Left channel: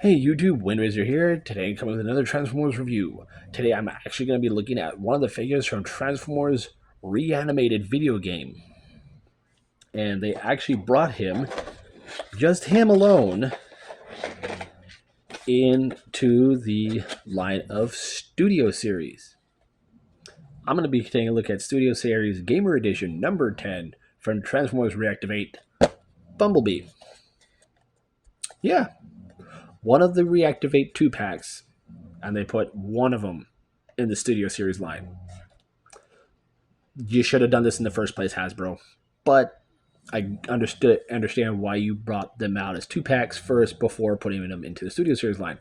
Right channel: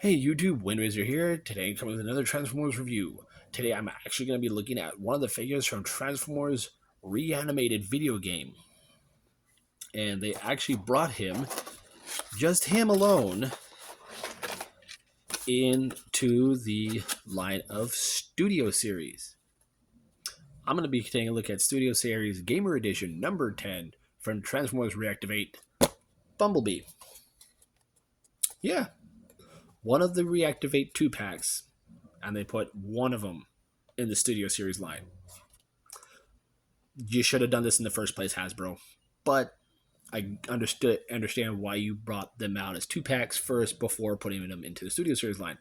Hey YouTube, Windraiser here. Today coming with another Transformers review. Today I'm actually going to be looking at one of the figures from Transformers Reanimated video game. And they actually brought him, just him alone, into the line of Studio Series. I'm going to be taking a look at Studio Series Gamer Edition number 10 from Transformers Reactivate, Bumblebee. Yeah, one of the Reactivate 2-packs, and they put one of them in the Studio Series line. You should have done this in the first place, Hasbro. But I understand why you brought them out as 2-packs first before putting them into the Studio Series line.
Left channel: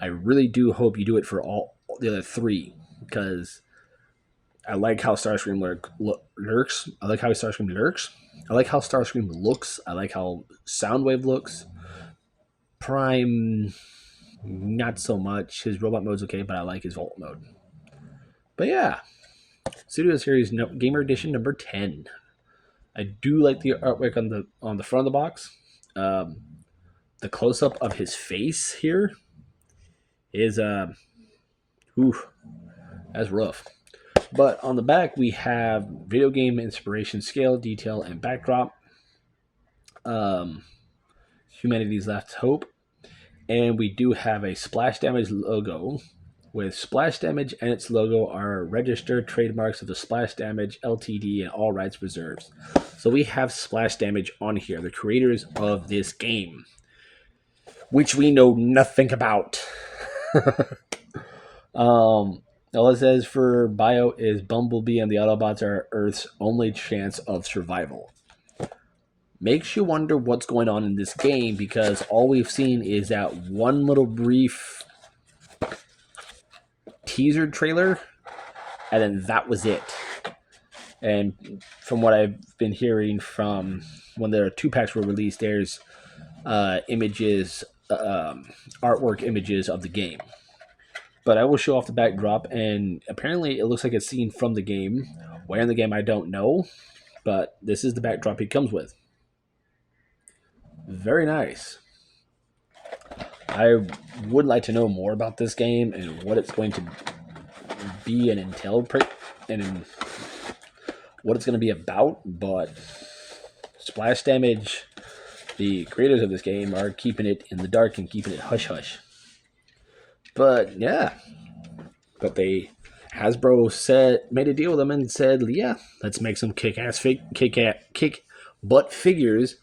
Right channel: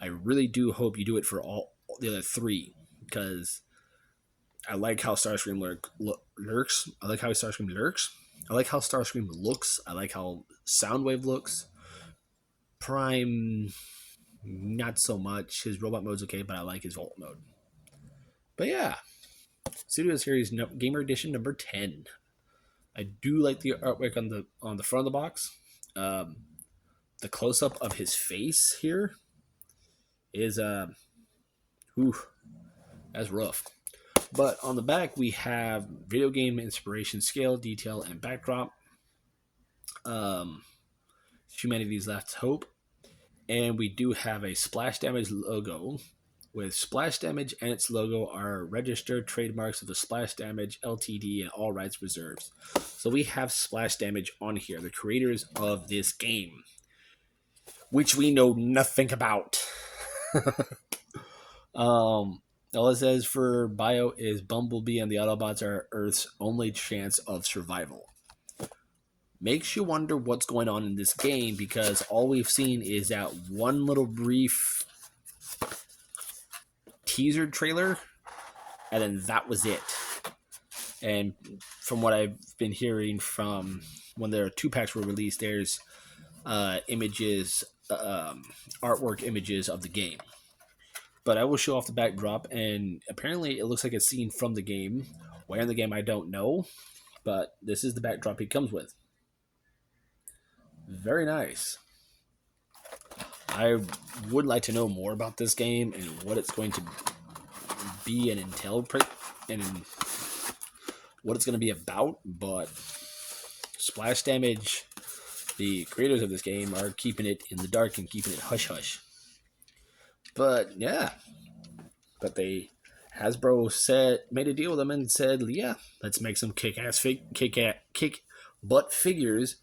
I really do hope you do it for all the other three, because I like how Starscream lurks. I like how Starscream lurks. I like how Starscream looks. I like how Soundwave looks. Prime, not so much. His robot mode's okay, but I like his Volt mode. But yeah, Studio Series Gamer Edition number 10. I do like the artwork on the front of the box. The close up of his face here is that's rough. But on the back we have video game inspiration, scale, detail, and backdrop. Humanity's last hope, and we do have a splash damage logo. With Splash Damage and its logo are registered trademarks of the Splash Damage Ltd. And all rights reserved. So we have Splash Damage on here, the creators of this game, which we know nothing about. All it says for bio is Bumblebee and the Autobots are Earth's only chance of survival. Makes you wonder what's going on in this game, because all we've seen is that one little brief teaser trailer, and then that was it. And from what I've been hearing from when their 2-packs were released, there's images, artwork images of the game. But I will show off the backdrop, and apparently it looks like it's seen from the game. Where in the game I don't know, but this is the backdrop it comes with. Very nice. I would like to know more about this game and what it's going to be and entail, and what it's going to be about. But Splash Damage, the creators of this game, are keeping it in the dark and keeping it hush hush. But yeah, but Hasbro made a deal with them and said, yeah, let's make some kick butt figures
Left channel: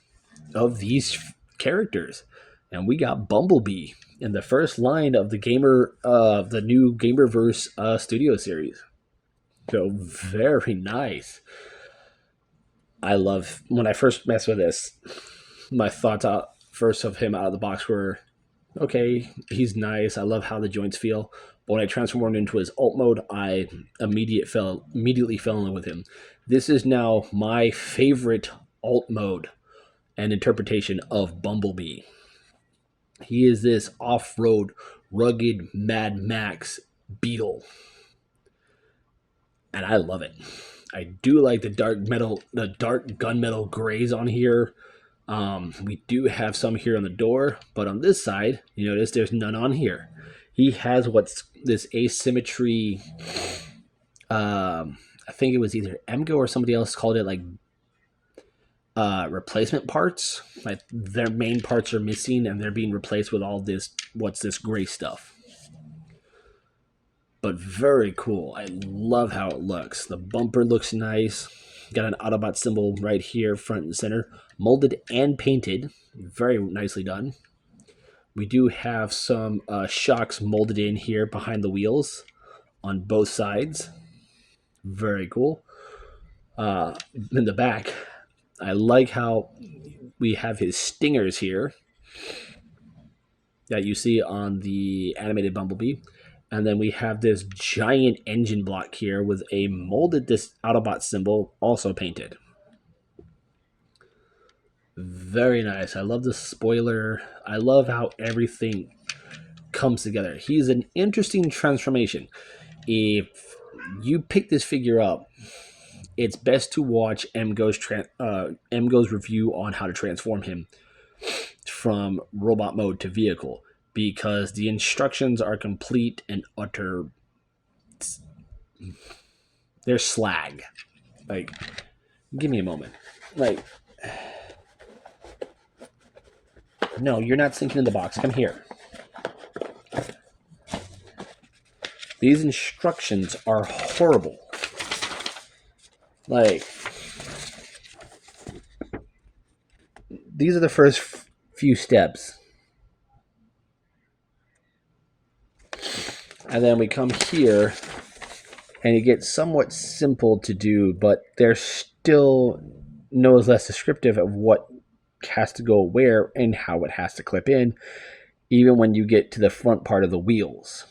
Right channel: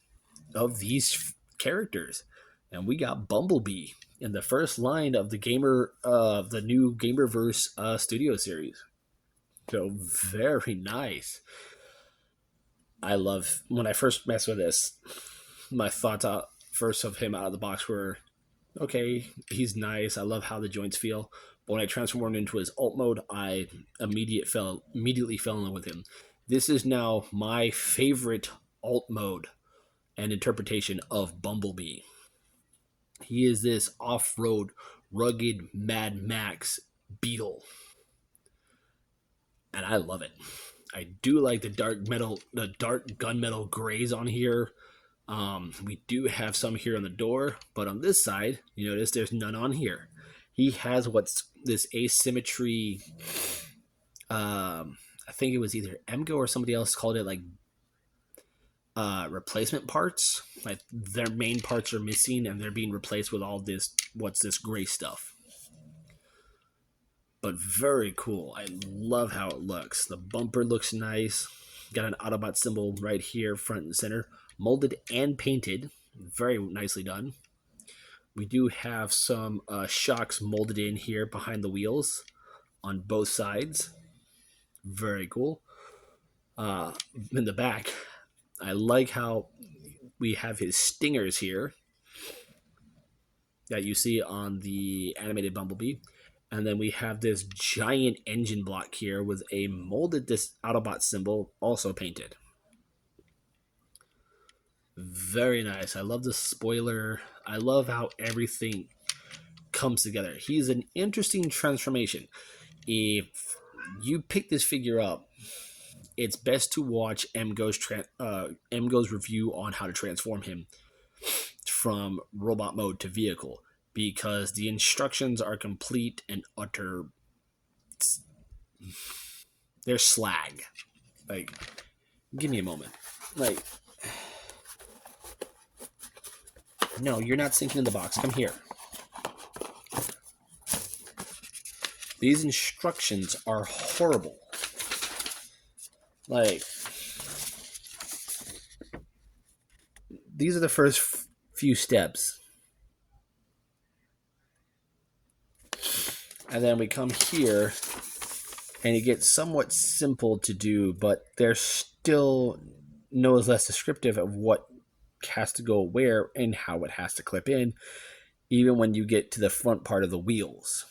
of these characters. And we got Bumblebee in the first line of the the new Gamerverse Studio Series. So very nice. I love, when I first messed with this, my thoughts first of him out of the box were, okay, he's nice. I love how the joints feel. But when I transformed into his alt mode, I immediately fell in love with him. This is now my favorite alt mode and interpretation of Bumblebee. He is this off-road, rugged Mad Max beetle, and I love it. I do like the dark gunmetal grays on here. We do have some here on the door, but on this side, you notice there's none on here. He has what's this asymmetry. I think it was either Emgo or somebody else called it like replacement parts. Like their main parts are missing and they're being replaced with all this gray stuff. But very cool. I love how it looks. The bumper looks nice. Got an Autobot symbol right here, front and center, molded and painted. Very nicely done. We do have some shocks molded in here behind the wheels on both sides. Very cool. In the back, I like how we have his stingers here that you see on the animated Bumblebee. And then we have this giant engine block here with a molded Autobot symbol also painted. Very nice. I love the spoiler. I love how everything comes together. He's an interesting transformation. If you pick this figure up, it's best to watch Mgo's review on how to transform him from robot mode to vehicle. because the instructions are complete and utter. They're slag. Like, give me a moment. Like, no, you're not sinking in the box. Come here. These instructions are horrible. Like, these are the first few steps. And then we come here, and it gets somewhat simple to do, but they're still no less descriptive of what has to go where and how it has to clip in, even when you get to the front part of the wheels.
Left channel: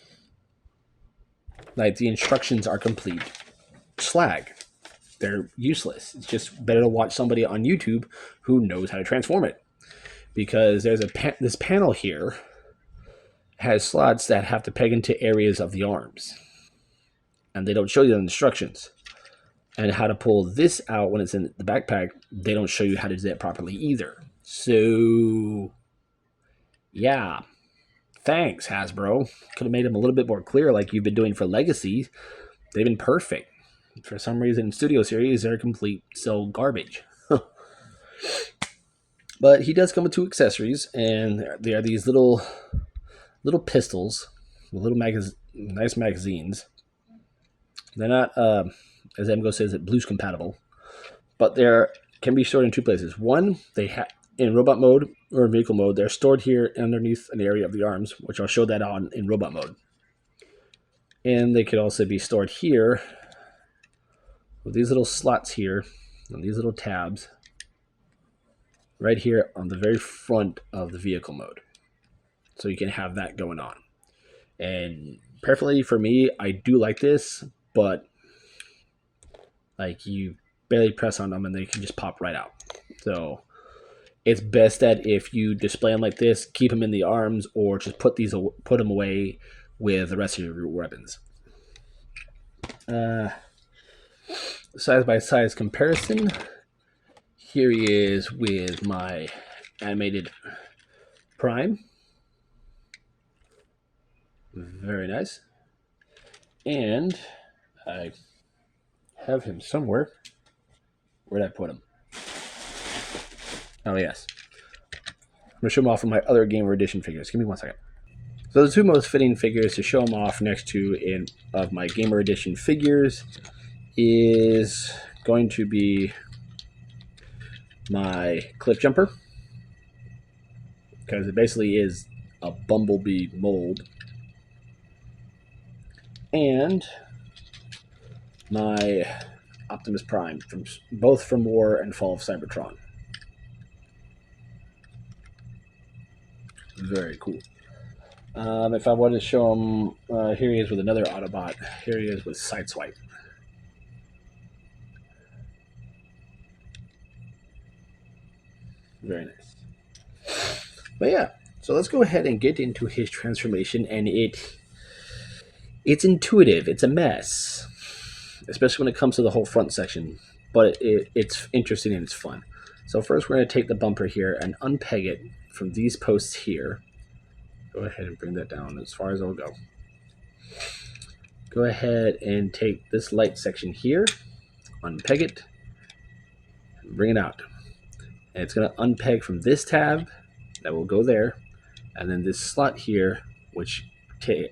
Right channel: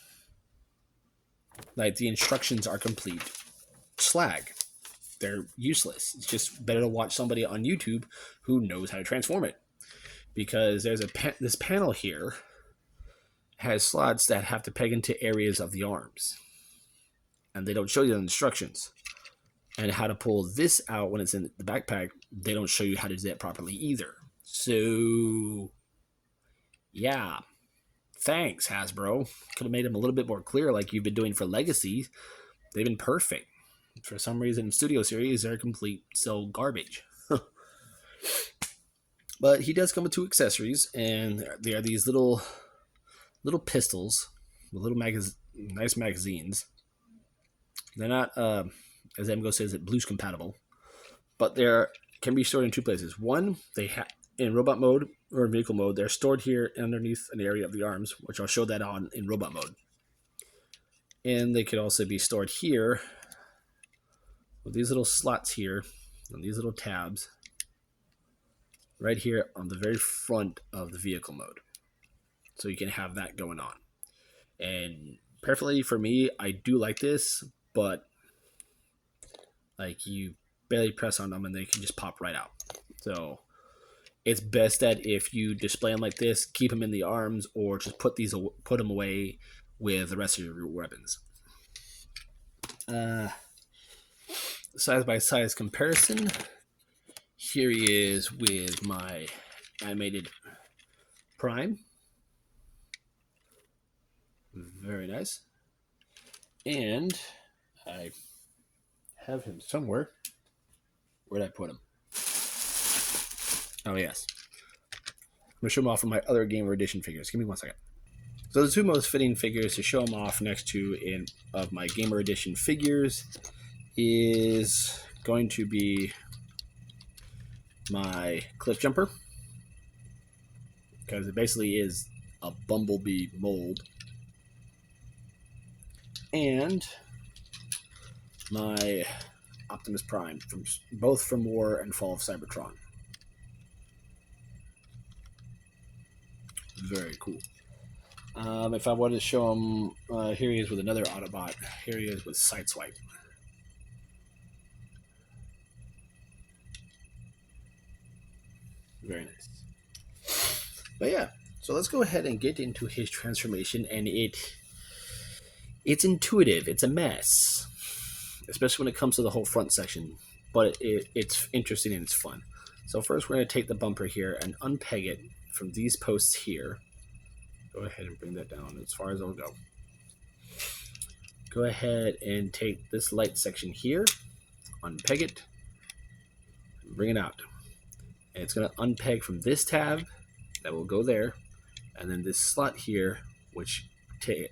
Like, the instructions are complete slag. They're useless. It's just better to watch somebody on YouTube who knows how to transform it. Because there's this panel here has slots that have to peg into areas of the arms. And they don't show you the instructions. And how to pull this out when it's in the backpack, they don't show you how to do that properly either. So, yeah. Thanks, Hasbro. Could have made them a little bit more clear like you've been doing for Legacy. They've been perfect. For some reason, Studio Series, they're complete so garbage. But he does come with 2 accessories, and they are these little pistols, little nice magazines. They're not, as Emgo says, blues compatible, but they can be stored in 2 places. One, in robot mode or vehicle mode, they're stored here underneath an area of the arms, which I'll show that on in robot mode. And they could also be stored here with these little slots here and these little tabs right here on the very front of the vehicle mode. So you can have that going on. And perfectly for me, I do like this, but like, you barely press on them and they can just pop right out. So it's best that if you display them like this, keep them in the arms, or just put them away with the rest of your weapons. Size by size comparison. Here he is with my animated Prime. Very nice. And I have him somewhere. Where'd I put him? Oh, yes. I'm going to show him off from my other Gamer Edition figures. Give me 1 second. So the 2 most fitting figures to show him off next to of my Gamer Edition figures is going to be my Cliff Jumper, because it basically is a Bumblebee mold, and my Optimus Prime, both from War and Fall of Cybertron. Very cool. If I wanted to show him, here he is with another Autobot. Here he is with Sideswipe. Very nice. But yeah, so let's go ahead and get into his transformation, and it's intuitive. It's a mess, especially when it comes to the whole front section, but it's interesting and it's fun. So first we're going to take the bumper here and unpeg it from these posts here. Go ahead and bring that down as far as it'll go. Go ahead and take this light section here, unpeg it, and bring it out. And it's going to unpeg from this tab, that will go there, and then this slot here, which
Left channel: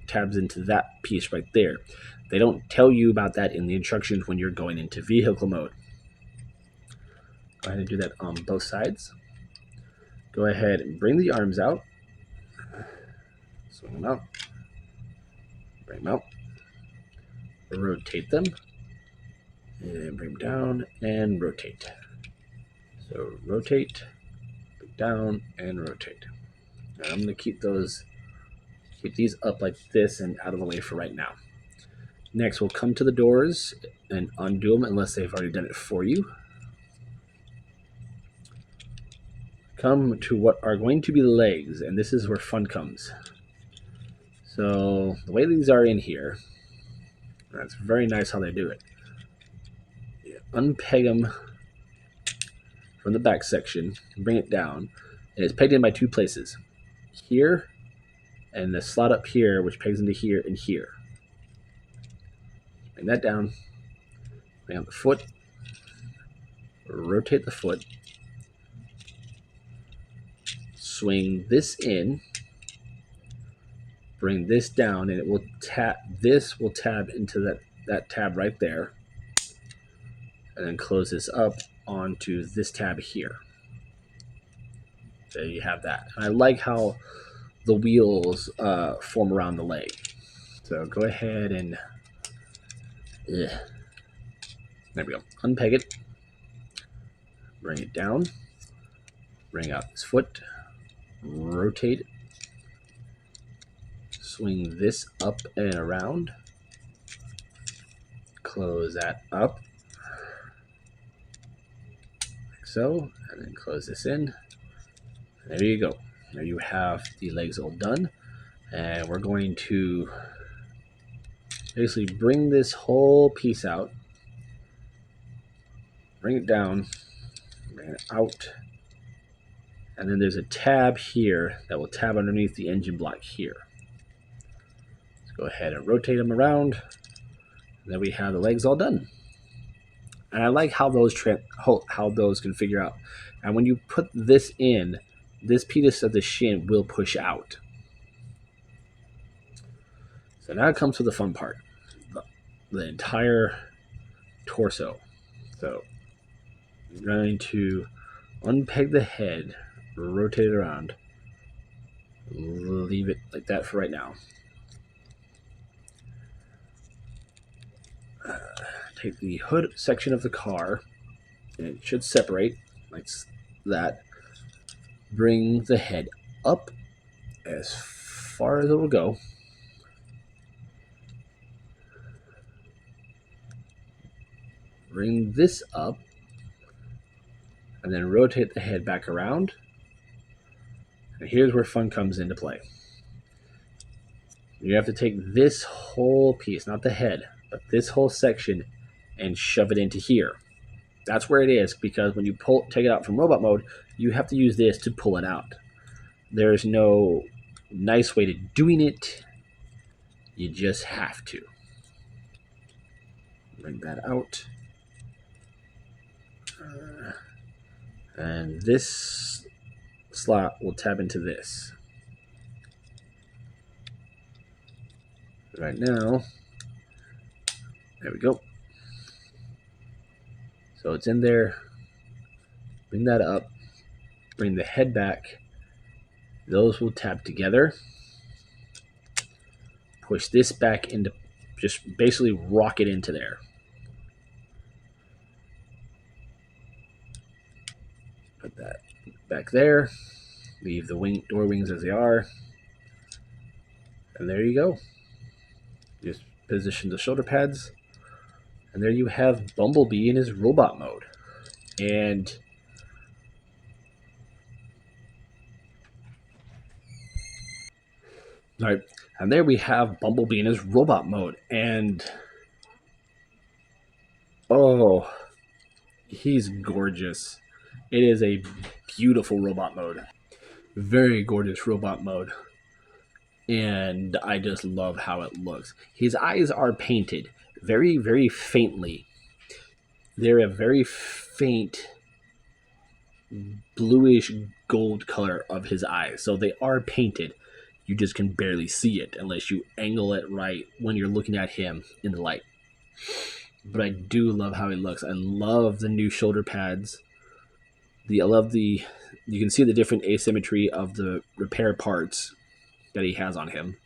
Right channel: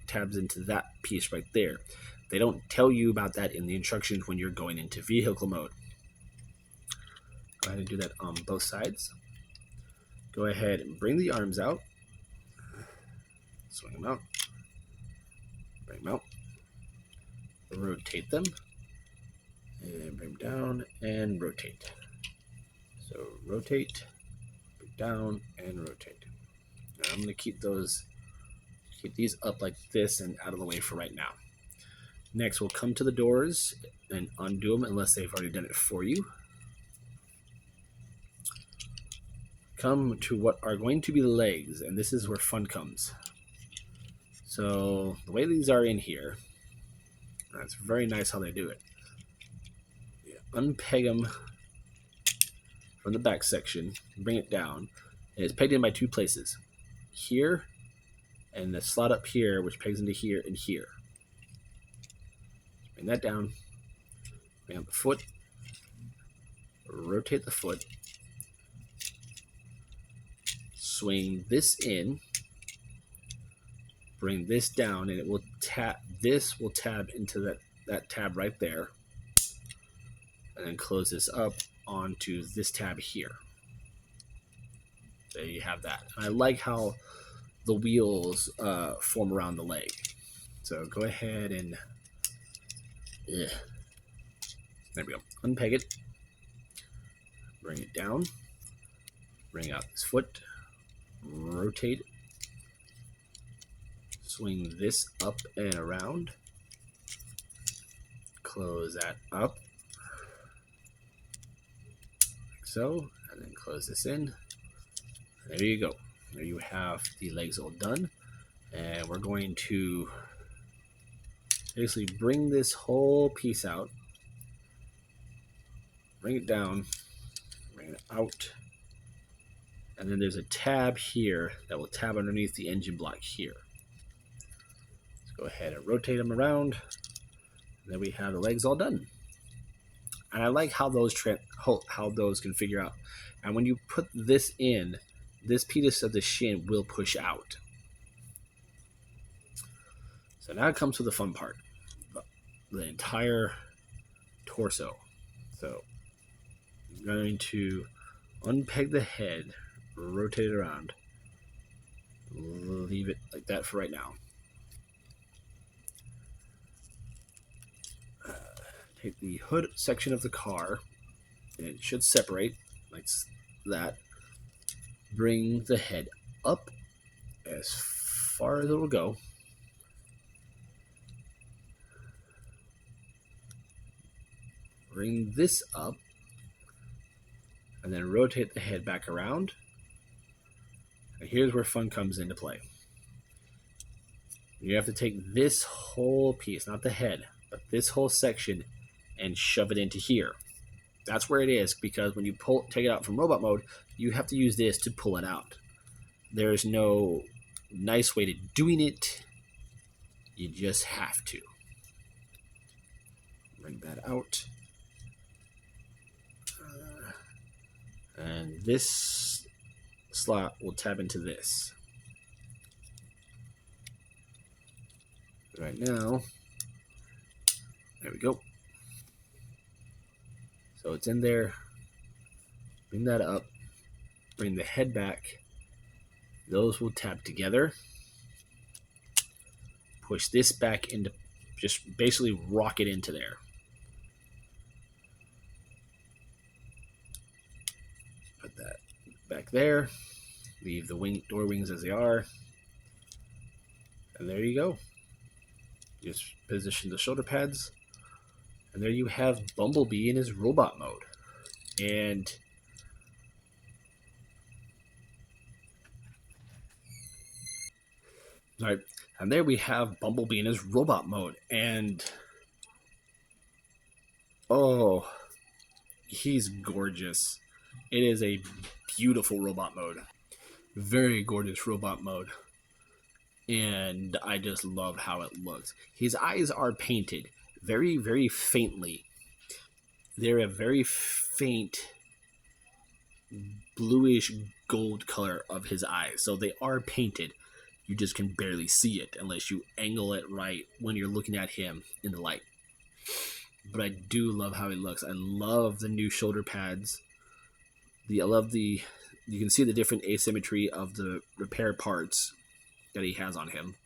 tabs into that piece right there. They don't tell you about that in the instructions when you're going into vehicle mode. Go ahead and do that on both sides. Go ahead and bring the arms out. Swing them out. Bring them out. Rotate them. And bring them down and rotate. So rotate, bring down, and rotate. And I'm going to keep these up like this and out of the way for right now. Next, we'll come to the doors and undo them unless they've already done it for you. Come to what are going to be the legs, and this is where fun comes. So the way these are in here, that's very nice how they do it. You unpeg them from the back section, bring it down, and it's pegged in by 2 places. Here and the slot up here, which pegs into here and here. Bring that down. Bring out the foot. Rotate the foot. Swing this in. Bring this down, and it will tab. This will tab into that tab right there, and then close this up onto this tab here. There you have that. And I like how the wheels form around the leg. So go ahead and there we go. Unpeg it. Bring it down. Bring out this foot. Rotate it. Swing this up and around. Close that up. Like so. And then close this in. There you go. There you have the legs all done. And we're going to basically bring this whole piece out. Bring it down. Bring it out. And then there's a tab here that will tab underneath the engine block here. Let's go ahead and rotate them around. And then we have the legs all done. And I like how those can figure out. And when you put this in, this piece of the shin will push out. So now it comes to the fun part. The entire torso. So I'm going to unpeg the head, rotate it around, leave it like that for right now. Take the hood section of the car, and it should separate like that. Bring the head up as far as it will go. Bring this up, and then rotate the head back around. And here's where fun comes into play. You have to take this whole piece, not the head, but this whole section, and shove it into here. That's where it is, because when you take it out from robot mode, you have to use this to pull it out. There's no nice way to doing it. You just have to. Bring that out. And this slot will tab into this. Right now, there we go. So it's in there. Bring that up. Bring the head back. Those will tab together. Push this back into, just basically rock it into there. Put that back there. Leave the door wings as they are. And there you go. Just position the shoulder pads. And there you have Bumblebee in his robot mode. And right, and there we have Bumblebee in his robot mode. And oh, he's gorgeous. It is a beautiful robot mode. Very gorgeous robot mode. And I just love how it looks. His eyes are painted very, very faintly. They're a very faint bluish gold color of his eyes. So they are painted. You just can barely see it unless you angle it right when you're looking at him in the light. But I do love how he looks. I love the new shoulder pads. You can see the different asymmetry of the repair parts that he has on him.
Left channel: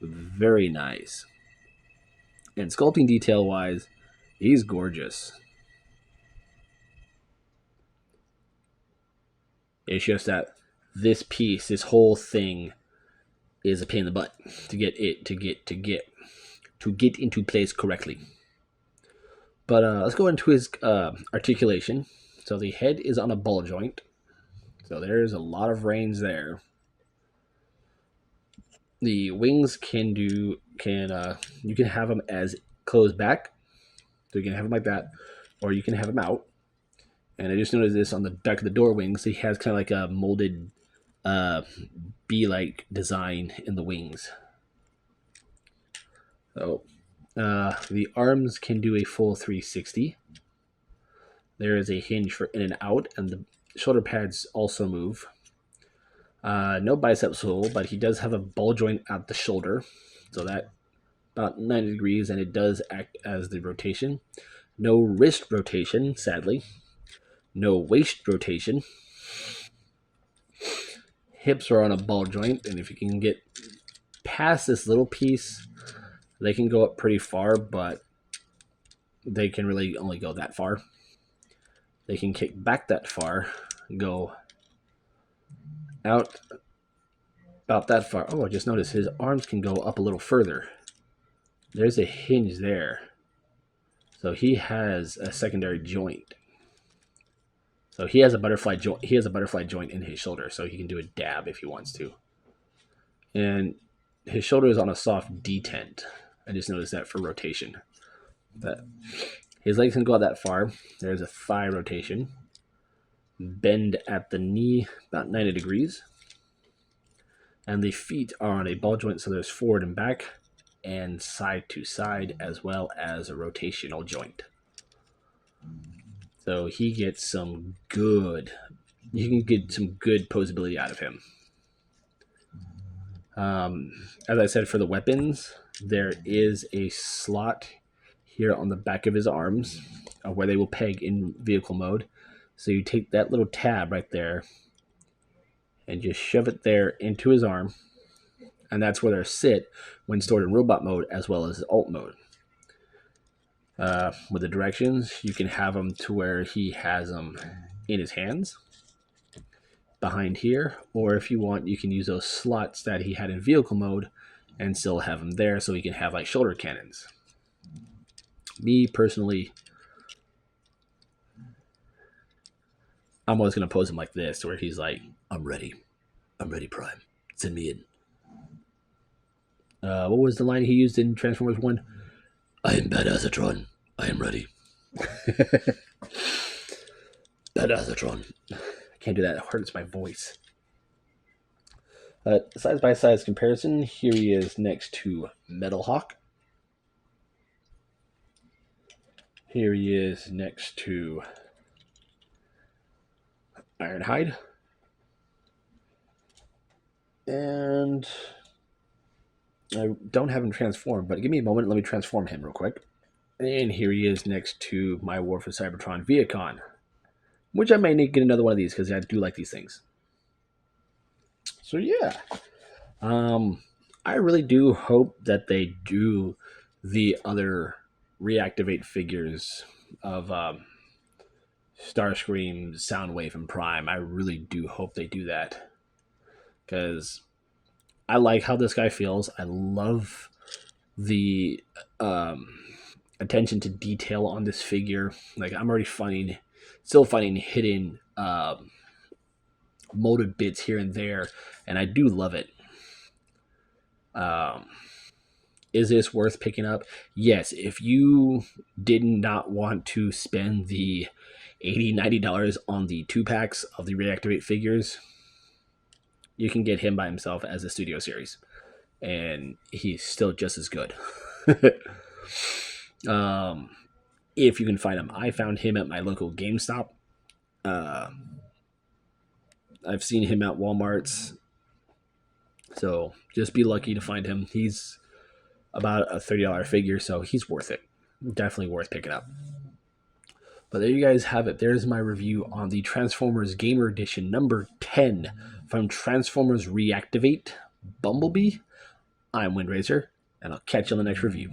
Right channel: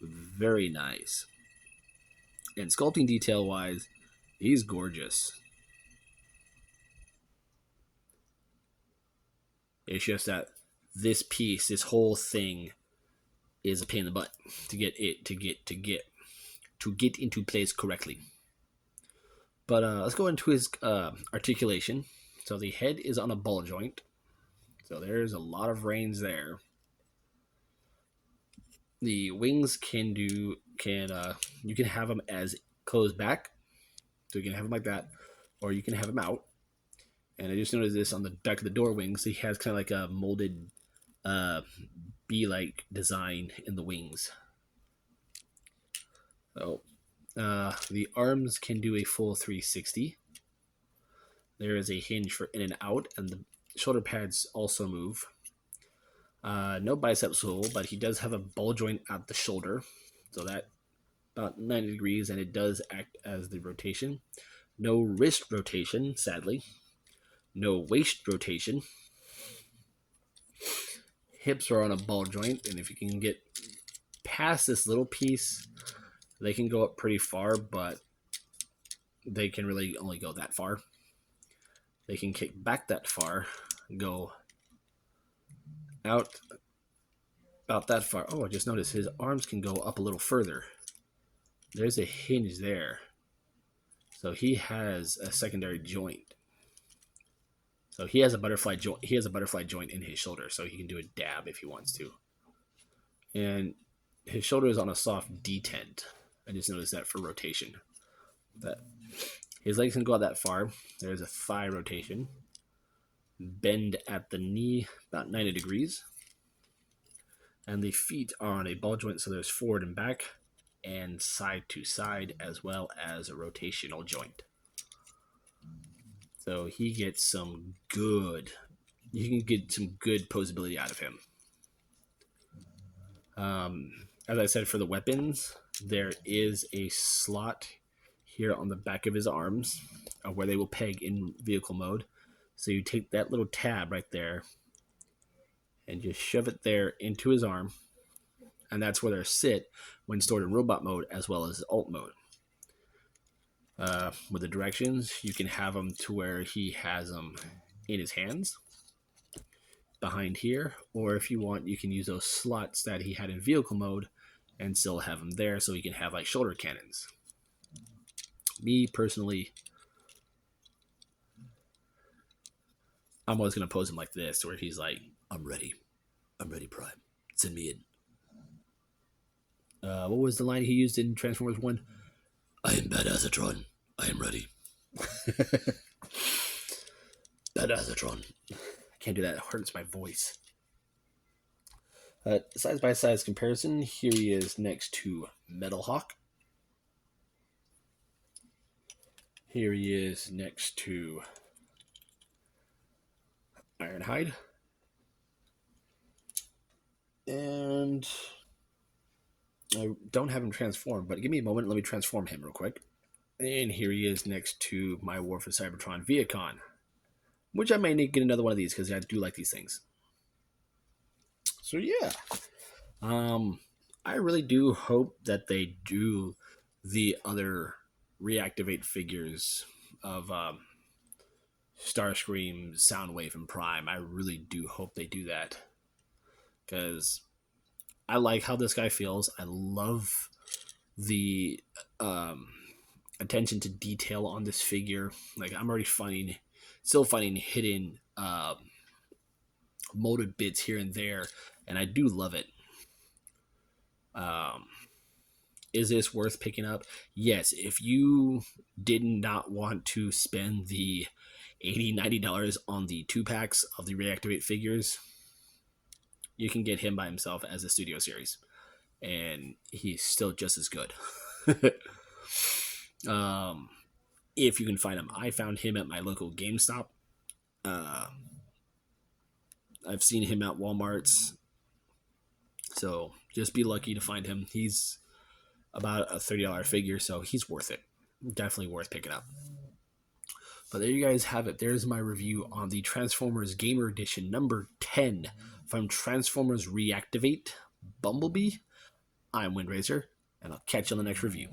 Very nice. And sculpting detail wise, he's gorgeous. It's just that this piece, this whole thing, is a pain in the butt to get into place correctly. But let's go into his articulation. So the head is on a ball joint. So there's a lot of range there. The wings you can have them as closed back. So you can have them like that, or you can have them out. And I just noticed this on the back of the door wings. He has kind of like a molded bee-like design in the wings. So the arms can do a full 360. There is a hinge for in and out, and the shoulder pads also move. No bicep sole, but he does have a ball joint at the shoulder, so that about 90 degrees, and it does act as the rotation. No wrist rotation, sadly. No waist rotation. Hips are on a ball joint, and if you can get past this little piece, they can go up pretty far, but they can really only go that far. They can kick back that far, go out about that far. Oh, I just noticed his arms can go up a little further. There's a hinge there. So he has a secondary joint. So he has a butterfly joint. He has a butterfly joint in his shoulder, so he can do a dab if he wants to. And his shoulder is on a soft detent. I just noticed that for rotation. But his legs can go out that far. There's a thigh rotation. Bend at the knee about 90 degrees. And the feet are on a ball joint, so there's forward and back and side to side, as well as a rotational joint. So he gets some good, you can get some good posability out of him. As I said, for the weapons, there is a slot here on the back of his arms where they will peg in vehicle mode. So you take that little tab right there and just shove it there into his arm. And that's where they'll sit when stored in robot mode as well as alt mode. With the directions, you can have them to where he has them in his hands behind here, or if you want, you can use those slots that he had in vehicle mode and still have them there so he can have like shoulder cannons. Me personally, I'm always going to pose him like this, where he's like, I'm ready, Prime, send me in. What was the line he used in Transformers 1? I am Badassatron. I am ready. Badassatron. I can't do that. It hurts my voice. Size by size comparison. Here he is next to Metal Hawk. Here he is next to Ironhide. And I don't have him transformed, but give me a moment. Let me transform him real quick. And here he is next to my War for Cybertron Viacon, which I may need to get another one of these because I do like these things. So yeah, I really do hope that they do the other Reactivate figures of Starscream, Soundwave, and Prime. I really do hope they do that because I like how this guy feels. I love the attention to detail on this figure. Like, I'm already still finding hidden molded bits here and there, and I do love it. Is this worth picking up? Yes, if you did not want to spend the $80-$90 on the 2-packs of the Reactivate figures, you can get him by himself as a studio series, and he's still just as good. If you can find him. I found him at my local GameStop. I've seen him at Walmart's, so just be lucky to find him. He's about a $30 figure, so he's worth it. Definitely worth picking up. But there you guys have it. There's my review on the Transformers Gamer Edition number 10 from Transformers Reactivate Bumblebee. I'm Windracer, and I'll catch you on the next review.